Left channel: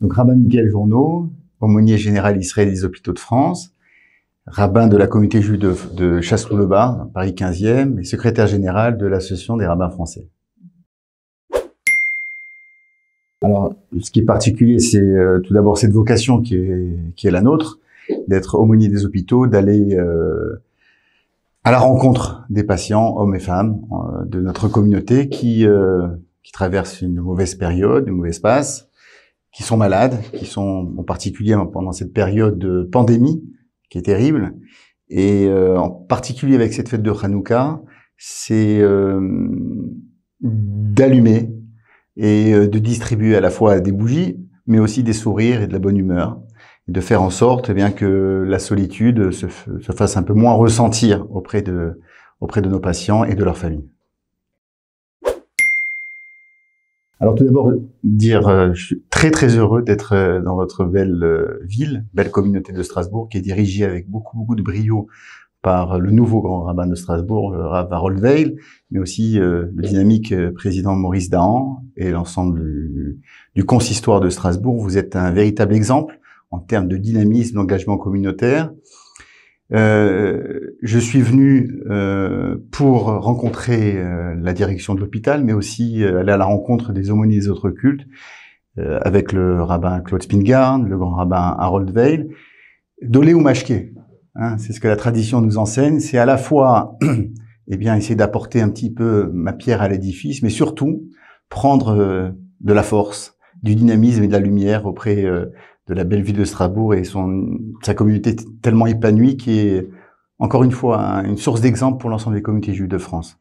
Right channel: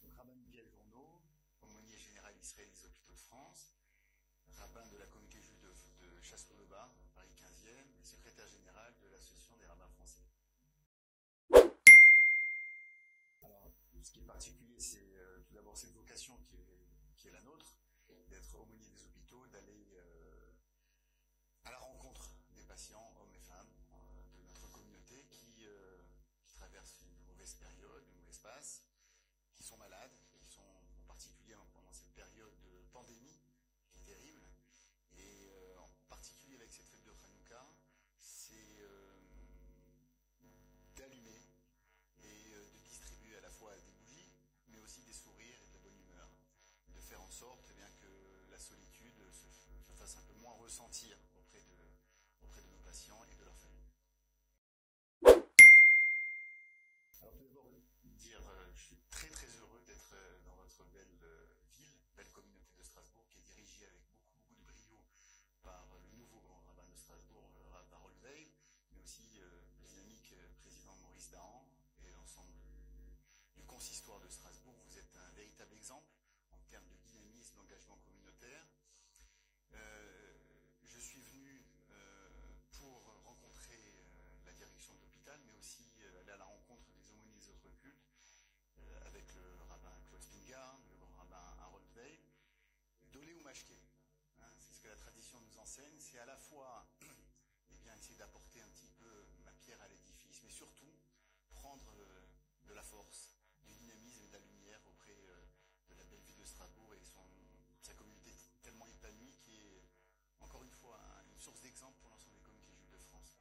Donc, rabbin Miguel Journeau, aumônier général israélien des Hôpitaux de France, rabbin de la communauté juive de Chasseloup-le-Bar, Paris 15e, et secrétaire général de l'Association des rabbins français. Alors, ce qui est particulier, c'est tout d'abord cette vocation qui est la nôtre, d'être aumônier des hôpitaux, d'aller à la rencontre des patients, hommes et femmes, de notre communauté qui traversent une mauvaise période, une mauvaise passe, qui sont malades, qui sont en particulier pendant cette période de pandémie qui est terrible, et en particulier avec cette fête de Hanouka, c'est d'allumer et de distribuer à la fois des bougies, mais aussi des sourires et de la bonne humeur, et de faire en sorte bien que la solitude se fasse un peu moins ressentir auprès de nos patients et de leurs familles. Alors tout d'abord, je suis très très heureux d'être dans votre belle ville, belle communauté de Strasbourg, qui est dirigée avec beaucoup de brio par le nouveau grand rabbin de Strasbourg, le rabbin Harold Weil, mais aussi le dynamique président Maurice Dahan et l'ensemble du consistoire de Strasbourg. Vous êtes un véritable exemple en termes de dynamisme, d'engagement communautaire. Je suis venu pour rencontrer la direction de l'hôpital, mais aussi aller à la rencontre des aumôniers des autres cultes, avec le rabbin Claude Spingard, le grand rabbin Harold Weil, d'Olé ou Mashké. Hein, c'est ce que la tradition nous enseigne. C'est à la fois essayer d'apporter un petit peu ma pierre à l'édifice, mais surtout prendre de la force, du dynamisme et de la lumière auprès de la belle ville de Strasbourg et sa communauté tellement épanouie qui est, encore une fois, une source d'exemple pour l'ensemble des communautés juives de France.